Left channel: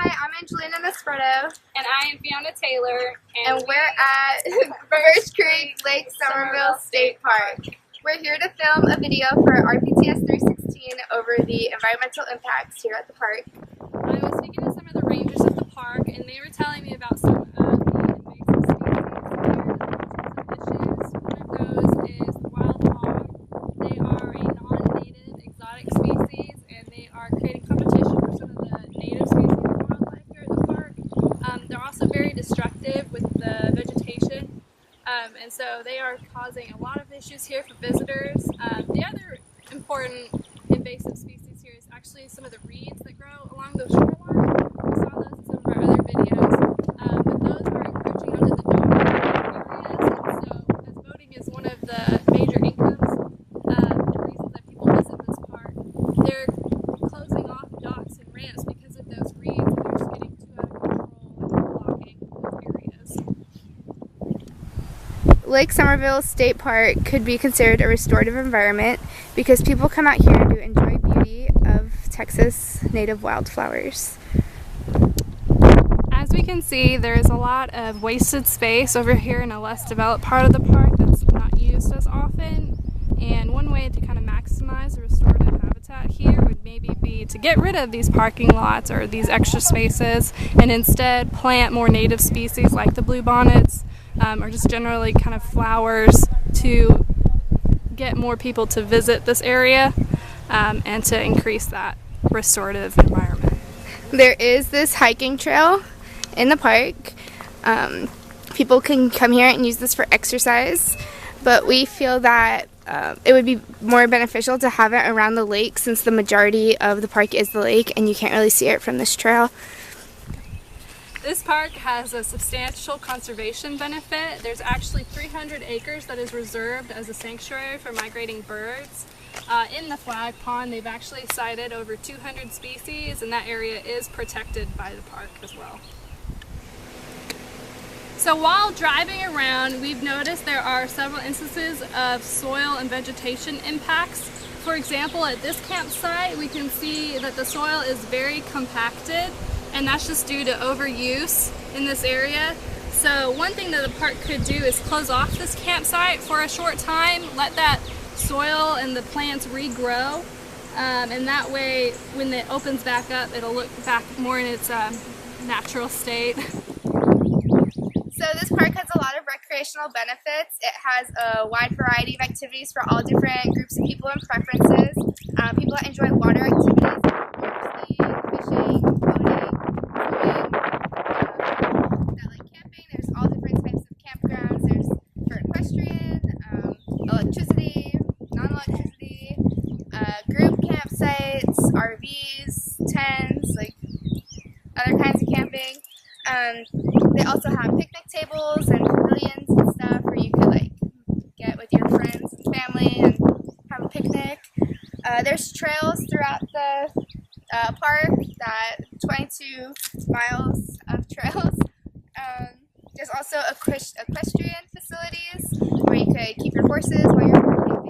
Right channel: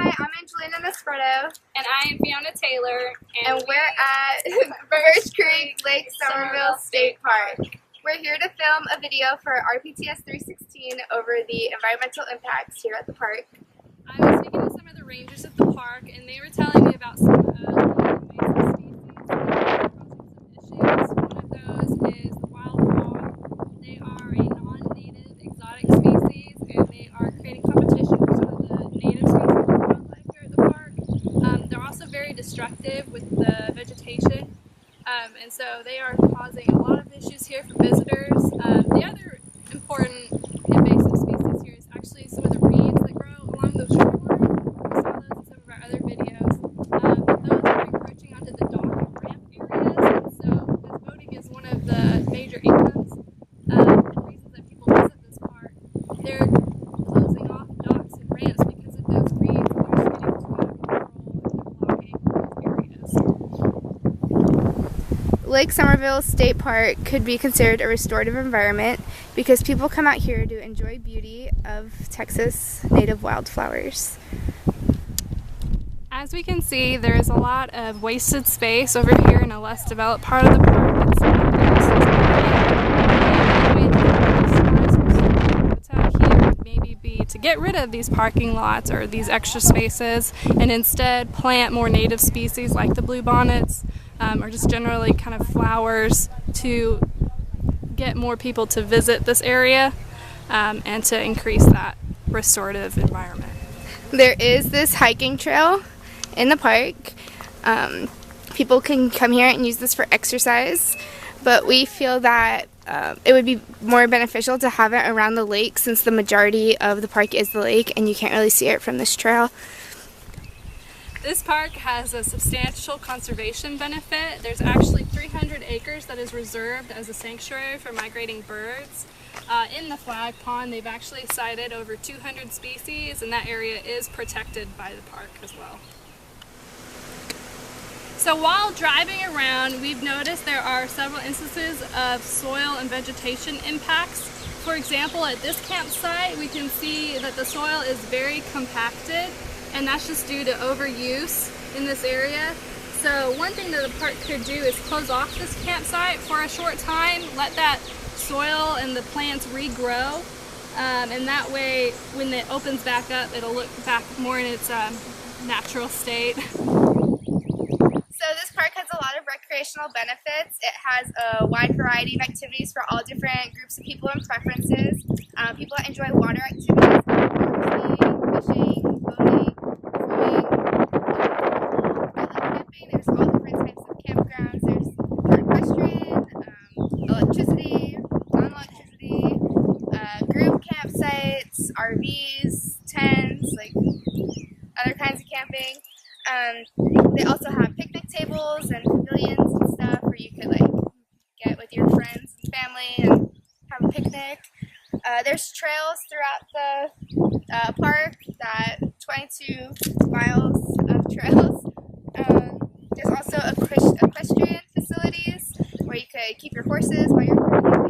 Hi, I'm Angelina Naspretto. And I am Fiona Taylor. And we're at Birch Creek Lake Somerville State Park. We're here to film a video for RPTS 316 over the environmental impacts here at the park. I was speaking to some of the rangers at the park, and they were telling me about some of the invasive species. One of those is the wild hog. They are a non-native exotic species, and they are creating competition for some of the native species of wildlife here at the park. They're also very destructive with the vegetation, and so they are causing a lot of issues here for visitors. The other important invasive species here is actually some of the reeds that grow along the shoreline. We saw those in some of our other videos, but those are encroaching onto the dock areas, and so as boating is one of the major incomes and reasons that people visit this park, they're closing off docks and ramps because of those reeds, and they're just getting too out of control and blocking those areas. Lake Somerville State Park could be considered a restorative environment because people come out here to enjoy beauty of Texas native wildflowers. As we can see, there is a lot of wasted space over here in a less developed part of the park that's not used as and one way to maximize restorative habitat here would maybe be to get rid of these parking lots or these extra spaces and instead plant more native species like the bluebonnets or just generally kind of flowers to get more people to visit this area and to increase that restorative environment. There is this hiking trail in the park. People can come here and use this for exercise, but we feel that it would be more beneficial to have it around the lake since the majority of the park is the lake and you can't really see it from this trail. This park has a substantial conservation benefit. There's actually 300 acres that is reserved as a sanctuary for migrating birds. In the flag pond, they've actually cited over 200 species, and that area is protected by the park as well. So while driving around, we've noticed there are several instances of soil and vegetation impacts. For example, at this campsite, we can see that the soil is very compacted, and that's just due to overuse in this area. So one thing that the park could do is close off this campsite for a short time, let that soil and the plants regrow, and that way when it opens back up, it'll look back more in its natural state. So this park has a lot of recreational benefits. It has a wide variety of activities for all different groups of people and preferences. People that enjoy water activities, fishing, boating, camping. There's all different types of campgrounds. There's for equestrian, electricity, non-electricity, group campsites, RVs, tents, like other kinds of camping. They also have picnic tables and pavilions and stuff where you could like get with your friends and family and have a picnic. There's trails throughout the park, that 22 miles of trails. There's also equestrian facilities where you could keep your horses while you're camping.